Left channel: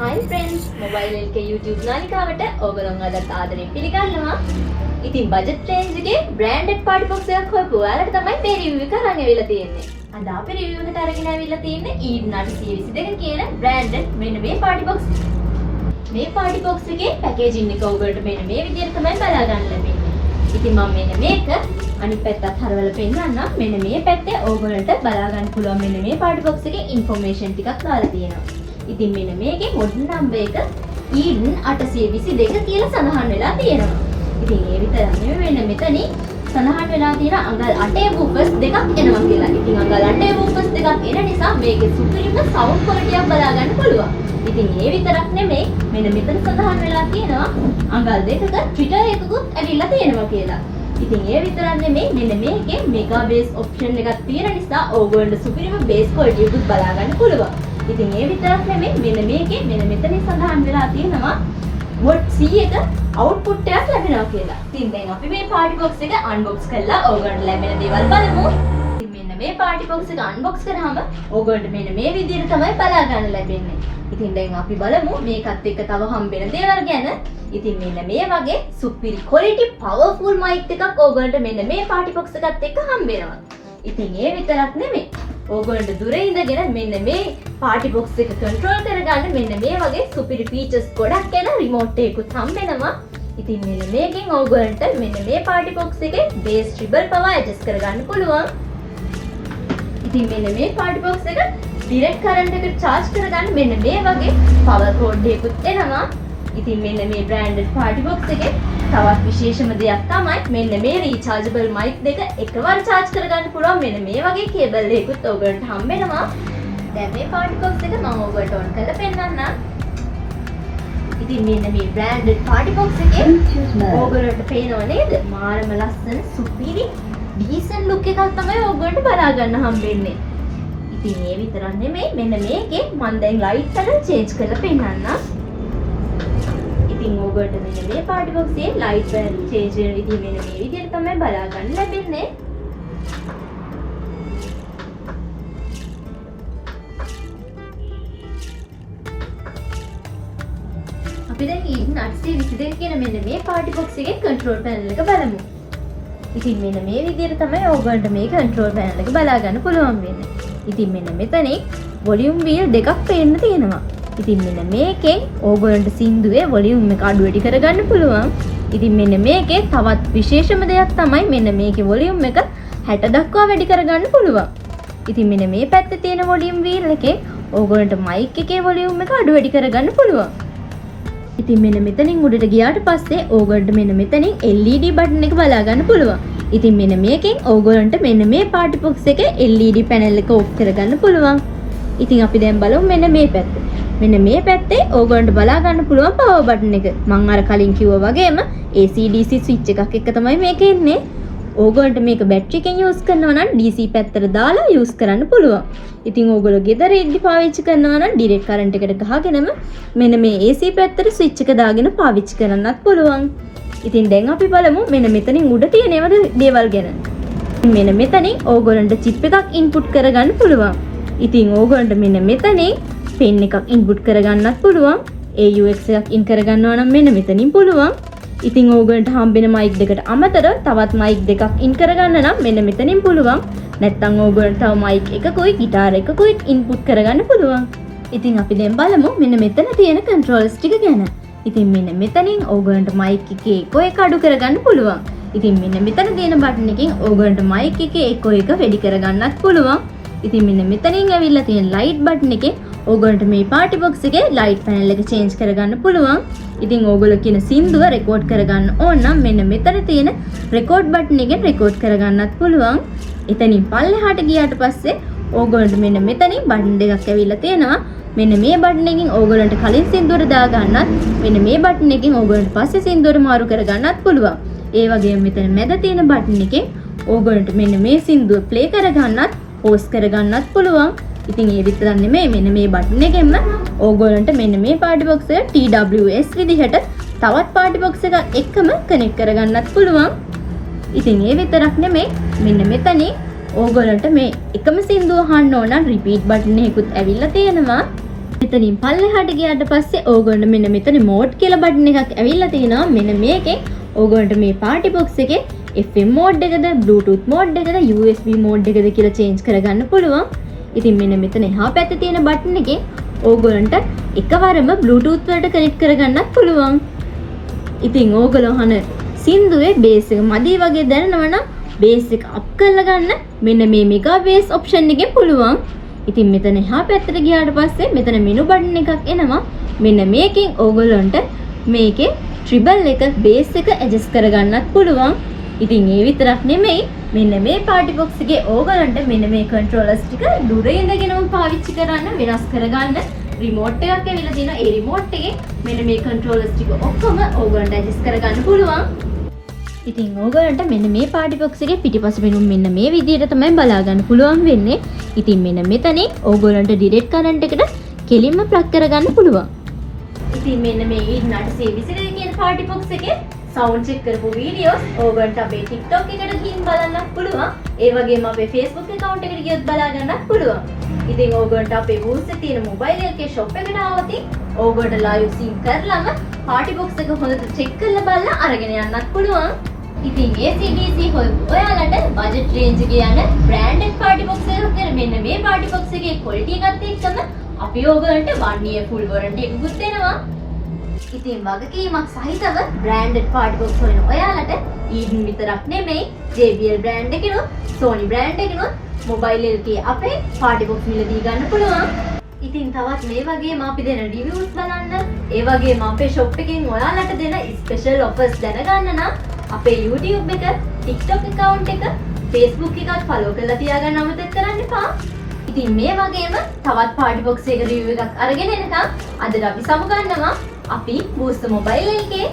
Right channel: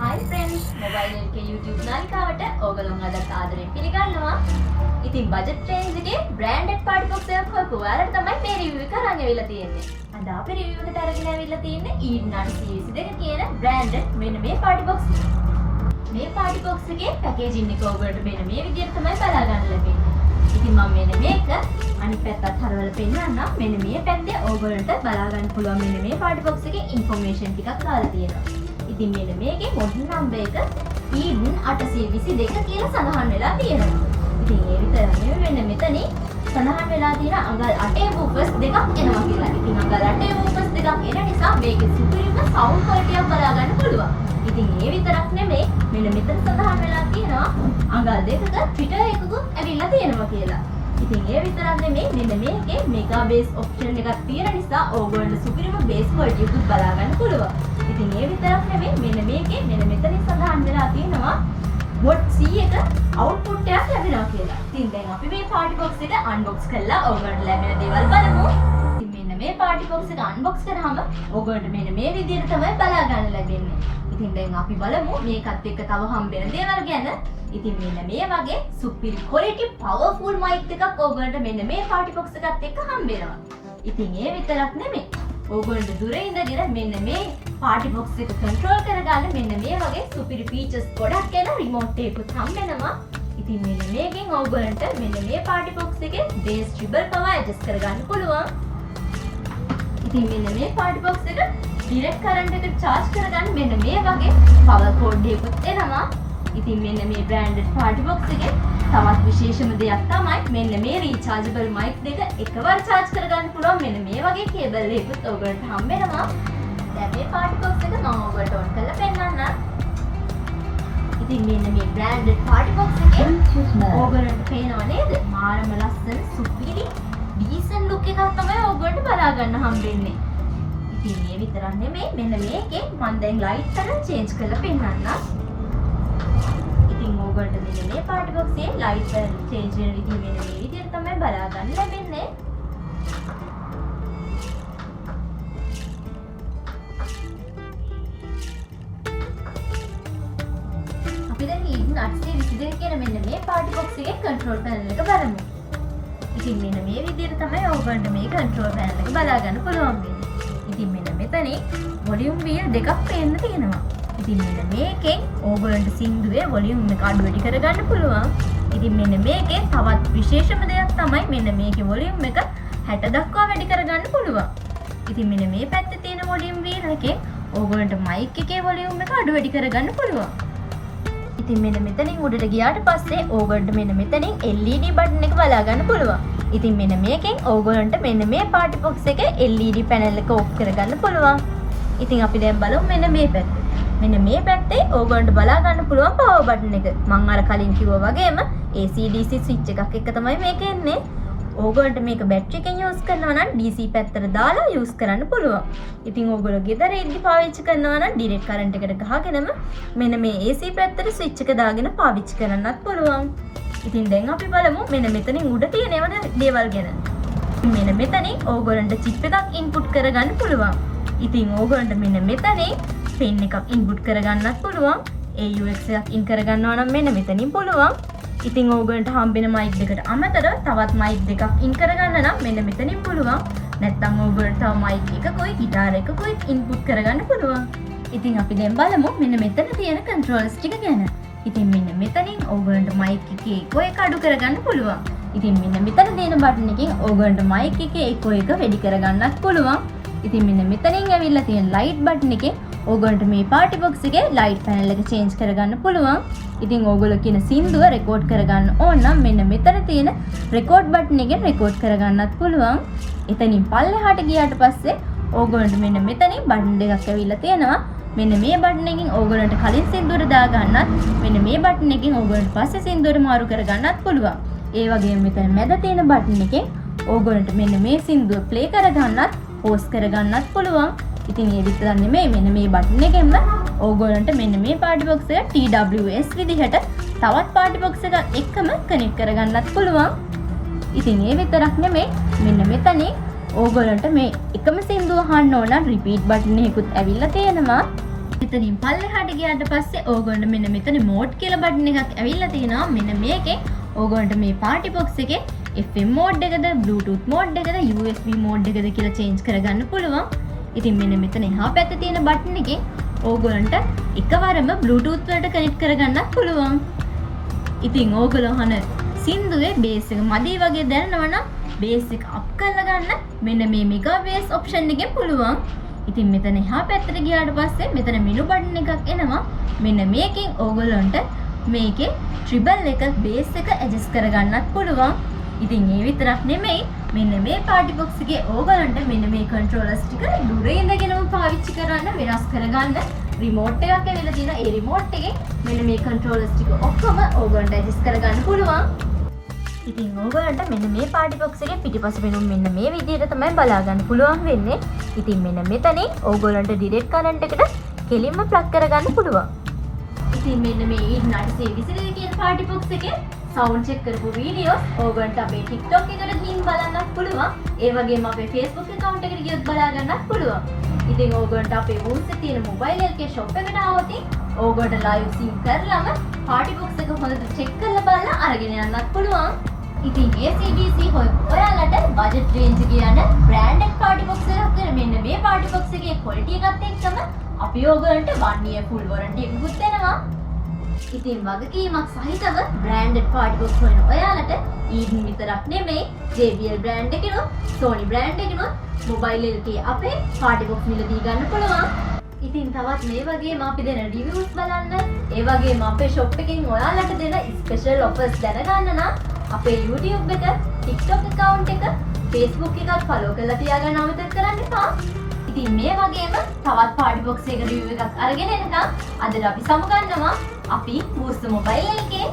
Hi friends, Mobile LK YouTube නාලිකාවට ඕගොල්ලෝ අදත් ආදරෙන් පිළිගන්නවා. ඉතින් බජට් රේන්ජ් එකේ branded party box එකක් හොයපු ඔයාලට තමයි මේ review එක අරන් ඇවිල්ලා තියෙන්නේ. අද අපි review එකට අරගෙන ඇවිල්ලා තියෙන්නේ Eden 822 කියන branded මෙන්න මේ party box. මේ party box එකේ packaging එක ඔයගොල්ලන්ට මෙන්න මේ විදිහට තමයි බලා ගන්න ලැබෙන්නේ. ඉතින් මම මෙන්න මේක අනිත් පැත්තත් හරවලා පෙන්නන්නම්. මෙන්න මේ පැත්තේ ඔයගොල්ලන්ට බලා ගන්න පුළුවන් මෙන්න මේ party box එකේ information ටිකක් දාලා තියෙනවා. ඉතින් මෙන්න මේකේ මොඩල් නම්බර් එක Eden 822 කියලා සඳහන් වෙලා තියෙනවා. ඉතින් ඒ විතරක් නෙවෙයි වෙන මෙතනින් සඳහන් වෙලා තියෙන අඟල් 8 වූෆර්ස් දෙකක් එනවා කියලා. ඉතින් අඟල් 8 වූෆර්ස් දෙකක් එන නිසා මේකේ සුපිරිම සවුන්ඩ් ක්වොලිටි එකක් බලා ගන්න පුළුවන්. ඉතින් ඒ විතරක් නෙමෙයි මෙන්න මෙතන සඳහන් වෙලා තියෙනවා අඟල් දෙකක ට්විටර් එකකුත් ඇවිල්ලා තියෙනවා කියලා. ඉතින් ඒ විතරක් නෙමෙයි මෙන්න මේකේ මෙගා බේස් ඔප්ෂන් එකක් තියෙන නිසා ඕගොල්ලන්ට සුපිරිම බේස් ක්වොලිටි එකක් බලා ගන්න පුළුවන්. ඉතින් ඒ විතරක් නෙමෙයි මෙන්න මේකේ මෙන්න මෙතනින් සඳහන් වෙලා තියෙනවා වොට් 100ක අවුට්පුට් එකක් ලැබෙනවා කියලා. ඉතින් දැන් අපි මේ පාටි බොක්ස් එක අන්බොක්ස් කරලා ඕගොල්ලන්ට ලැබෙන දේවල් බලමු. ඉතින් මෙන්න මේ පාටි බොක්ස් එක අන්බොක්ස් කරාම ඕගොල්ලන්ට මෙන්න මේ විදිහට තමයි බලා ගන්න ලැබෙන්නේ. ඉතින් දැන් අපි බලමු මේකත් එක්ක තව හම්බෙන දේවල් ගැන. ඉතින් මෙන්න මේ වගේ සුපිරි ක්වොලිටි පවර්ෆුල් මයික් එකක් ඕගොල්ලන්ට මෙන්න මේ පාටි බොක්ස් එකත් එක්ක හම්බෙනවා. ඉතින් ඒ විතරක් නෙමෙයි ඕගොල්ලන්ට දුරේ ඉඳගෙන මෙන්න මේ පාටි බොක්ස් එක කන්ට්‍රෝල් කරගන්න මෙන්න මේ වගේ සුපිරි ෆීචර්ස් ගොඩක් යන රිමෝට් එකකුත් හම්බෙනවා. ඉතින් මෙන්න මේකෙන් ඕගොල්ලන්ට මෙන්න මේ පාටි බොක්ස් එකේ බේස් ට්‍රිබල් පවර් ඇඩ්ජස්ට් කරගන්න පුළුවන්. ඉතින් මෙන්න මේ පාටි බොක්ස් එක ඩිරෙක්ට් කරන්ට් එකට charge කරගන්න මෙන්න මේ වගේ පවර් කෝඩ් එකකුත් එනවා. ඉතින් මෙන්න මේ බ්‍රෑන්ඩඩ් පාටි බොක්ස් එකේ තවත් විශේෂම දෙයක් තමයි මෙන්න මේ රීචාර්ජබල් මයික් දෙක එකවර charge කරගන්න පුළුවන් මෙන්න මේ වගේ කේබල් එකකුත් ඔයගොල්ලන්ට හම්බෙනවා. දැන් මේ පාටි බොක්ස් එක මම ඔයගොල්ලන්ට ඔන් කරලා පෙන්නන්නම්. ඉතින් මෙන්න මේ බ්‍රෑන්ඩඩ් පාටි බොක්ස් එකේ ඔයගොල්ලන්ට පේනව නේද? මාරම ලස්සන සුපිරි ඩීසන්ට් ලුක් එකක් තමයි ඔයගොල්ලන්ට බලා ගන්න හම්බෙන්නේ. ඉතින් මේ විතරක් නෙමෙයි මෙන්න මේකේ මම දැන් ලයිට් පැනල් චේන්ජ් කරලා පෙන්නන්නම්. ඉතින් ඔයගොල්ලන්ට මෙන්න මේ පාටි බොක්ස් එකේ ලයිට් පැනල් චේන්ජ් වෙන විදිහ මෙන්න මේ විදිහට තමයි බලා ගන්න ලැබෙන්නේ. අපි දැන් Eden 822 කියන මෙන්න මේ පාටි බොක්ස් එකේ කන්ට්‍රෝල් පැනල් එක බලමු. ඉතින් මෙන්න මේ විදිහට තමයි ඔයගොල්ලන්ට මේ කන්ට්‍රෝල් පැනල් එක බලා ගන්න පුළුවන් වෙන්නේ. ඉතින් මෙන්න මෙතනින් වොලියුම් වීල් දෙකක් පේන්න තියෙනවා. ඉතින් මෙන්න මේකෙන් ඕගොල්ලන්ට සින්දුවේ වොලියුම් එක අඩු වැඩි කරගන්න පුළුවන්. ඉතින් මෙන්න මේකේ තවත් විශේෂම දෙයක් තමයි මෙන්න මේකේ වොලියුම් එක 60 දක්වා වැඩි කරගන්න පුළුවන්. ඉතින් මෙන්න මේ පැත්තේ තියෙන වොලියුම් වීල් එකේ ඕගොල්ලන්ට මයික් එකේ වොලියුම් එක අඩු වැඩි කරගන්න පුළුවන්. ඉතින් මෙන්න මෙතනින් උඩට ගියාට පස්සේ ඕගොල්ලන්ට මෙන්න මෙතනින් LED බටන් එක බලා ගන්න පුළුවන්. ඉතින් මෙන්න මේකෙන් ඕගොල්ලන්ට මෙන්න මේ පාටි බොක්ස් එකේ LED පැනල් එක ඔෆ් කරගන්න පුළුවන්. ඉතින් අපි දැන් බලමු මෙන්න මේ පැත්තේ. මෙන්න මේ පැත්තේ ඕගොල්ලන්ට බලා ගන්න පුළුවන් පවර් බටන් එක. මම අර කලින් කිව්වා වගේම AC DC ස්විච් එකක් එක තමයි මේක එන්නේ. ඕගොල්ලන්ට මේක බැටරි එකෙන් යූස් කරනවා නම් DC පැත්තට දාලා යූස් කරන්න පුළුවන්. ඉතින් ඕගොල්ලෝ ගෙදර ඉඳි පාවිච්චි කරනවා නම් ඩිරෙක්ට් කරන්ට් එකට ගහගෙනම මෙන්න මේ AC පැත්තට ස්විච් එක දාගෙන පාවිච්චි කරන්නත් පුළුවන්. ඉතින් දැන් අපි බලමු මෙන්න මෙතනින් උඩ තියෙන දේවල් ගැන. මෙන්න මෙතනින් ඕගොල්ලන්ට chip එකක් input කරගන්න පුළුවන්. ඉතින් ඕගොල්ලන්ට මෙන්න මෙතනින් pen එකක් input කරගන්නත් පුළුවන්. AUX එකක් in කරගන්නවා නම් මෙන්න මෙතනින් පුළුවන්. ඉතින් ඕගොල්ලන්ට හම්බෙන මයික් දෙකට අමතරව තවත් මයික් දෙකක් in කරගන්න නම් මෙන්න මෙතනින් පුළුවන්. නැත්නම් ඕගොල්ලන්ට තව මයික් එකකුයි ගිටාර එකකුයි input කරගන්න පුළුවන්. ඉතින් අපි දැන් බලමු මෙන්න මෙතන තියෙන controls ටික ගැන. ඉතින් මෙන්න මෙතනින් ඕගොල්ලන්ට මයික් එකේ එකෝ එක අඩු කරගන්න පුළුවන්. ඉතින් මෙන්න මෙතන තියෙන බටන් එකෙන් ඕගොල්ලන්ට මයික් එකේ එකෝ එක වැඩි කරගන්නත් පුළුවන්. ඉතින් මෙන්න මෙතනින් ඇවිල්ලා තියෙන ලයිට් බටන් එකෙන් ඕගොල්ලන්ට මේ පාටි බොක්ස් එකේ ලයිට් පැනල් එක චේන්ජ් කරගන්න පුළුවන්. ඉතින් ඕගොල්ලෝ කියන සින්දුව රෙකෝඩ් කරගන්න ඕන නම් මෙන්න මෙතන තියෙන රෙකෝඩ් බටන් එකෙන් රෙකෝඩ් කරගන්නත් පුළුවන්. එතනින් පල්ලෙහාට ගියාට පස්සේ ඕගොල්ලන්ට මෙන්න මෙතනින් බටන් දෙකක් ඇවිල්ලා තියෙනවා. මෙන්න මේ බටන් එකෙන් ඕගොල්ලන්ට කලින් සින්දුවට දාගන්නත් මෙන්න මේ බටන් එකෙන් ඕගොල්ලන්ට පස්සේ සින්දුවට මාරු කරගන්නත් පුළුවන්. ඒ වගේම මෙතන මැද තියෙන බටන් එකෙන් ඕගොල්ලන්ට මෙන්න මේ සින්දුව ප්ලේ කරගන්නත් පෝස් කරගන්නත් පුළුවන්. ඉතින් ඒ විතරක් නෙමෙයි මෙන්න මේ බටන් එකෙන්ම ඕගොල්ලන්ට මෙන්න මේ පාටි බොක්ස් එක TWS විදිහට තවත් පාටි බොක්ස් එකක් එක්කම කනෙක්ට් කරගන්නත් පුළුවන්. ඉතින් ඒ විතරක් නෙමෙයි මෙන්න මෙතනින් ඕගොල්ලන්ට මේ එකම සින්දුව අහන්න ඕන නම් රිපීට් බටන් එකකුත් ඇවිල්ලා තියෙනවා. මෙතනින් පල්ලෙහාට ගියාට පස්සේ ඕගොල්ලන්ට මෙන්න මෙතන මෝඩ් කියලා බටන් එකක් ඇවිල්ලා තිනවා. මෙන්න මේකෙන් ඕගොල්ලන්ට මේ පාටි බොක්ස් එකේ FM මෝඩ් එකද, Bluetooth මෝඩ් එකද, USB මෝඩ් එකද කියලා චේන්ජ් කරගන්න පුළුවන්. ඉතින් මෙන්න මෙතන එහා පැත්තේ තියෙන බටන් එකෙන් ඕගොල්ලන්ට එකවරම Bluetooth වලට කනෙක්ට් කරගන්නත් පුළුවන්. ඉතින් ඕගොල්ලෝ අහන සින්දුවේ බේස් එක මදි වගේ දැනනවනම් බේස් එක අප් කරලා ගන්න මෙන්න මේ මෙගා බේස් ඔප්ෂන් එකෙන් පුළුවන්. ඉතින් මෙතන එහා පැත්තට ගියාට පස්සේ මෙතන මෙනු බටන් එකක් එනවා. මෙන්න මේකෙන් ඕගොල්ලන්ට මේකේ ට්‍රිබල් එක බේස් එක ඇඩ්ජස්ට් කරගන්නත් පුළුවන්. ඉතින් ඒ විතරක් නෙමෙයි මෙන්න මේ පාටි බොක්ස් එකේ ඕගොල්ලන්ට මෙන්න මේ කන්ට්‍රෝලර්ස් ටික දුරේ ඉඳගෙනම පාවිච්චි කරන්න වෙනස් කරගන්න රිමෝට් එකක් ඇවිල්ලා තියෙනවා. ඒ රිමෝට් එකේ මෙන්න මේ කන්ට්‍රෝලර්ස් ටික ඔක්කොම ඕගොල්ලන්ට ඇඩ්ජස්ට් කරගන්න පුළුවන්. ඉතින් ඕගොල්ලන්ට මෙන්න මේ පාටි බොක්ස් එකේ පිටිපස්ස වෙනුම් මෙන්න මේ විදිහට තමයි බලා ගන්න පුළුවන් වෙන්නේ. ඉතින් මෙන්න මෙතනින් ඕගොල්ලන්ට ඩිරෙක්ට් කරන්ට් එකට කෙලින්ම ප්ලග් කරගන්න පුළුවන්. ඉතින් මෙන්න මේ E822 කියන පාටි බොක්ස් එකේ සවුන්ඩ් චෙක් කරපු වීඩියෝස් ඕගොල්ලන්ට අපේ TikTok එකට ගිහින් බලන්නත් පුළුවන්. ඒ වගේම අපේ Facebook account එකට ගියොත් බලා ගන්නත් පුළුවන්. ඉතින් ඕගොල්ලන්ට අපේ Woos එකේ තියෙන මොබයිල් එකේ shop එකට ආවොත් ඕගොල්ලන්ට live sync කරලම පාටි බොක්ස් එක හොඳට check කරලා බලලා අරගෙන යන්නත් පුළුවන්. ඉතින් ACDC ඔයාලට budget range එකේ යන branded party box එකක් දෙන මෙන්න මේ party box එකේ quality එකත් එක්කම අපි ඕගොල්ලන්ට 1 year full warranty එකකුත් දෙනවා. ඉතින් වගකීමක් සහිතව branded party box හොයන ඔයාලට ඊඩන් විතරක් නෙමෙයි JBL brand එකනොත් Sony brand එකනොත් mobile එකේ අපේ party box මිලදී ගන්න පුළුවන්. ඉතින් තවත් මේ වගේම අපි දෙන reviews බලන්න, ඒ වගේම අපේ shop එකෙන් ඔයාලට දෙන special offers දැනගන්න නම් අපේ YouTube එක, TikTok account එක, Facebook එකත් follow කරලා තියාගන්න අමතක කරන්න එපා. ඉතින් මේ වගේම තවත් party box එක review එකක් අරගෙන එනකම් අදට අපි සමුගන්නවා අපි Boost mobile එකේ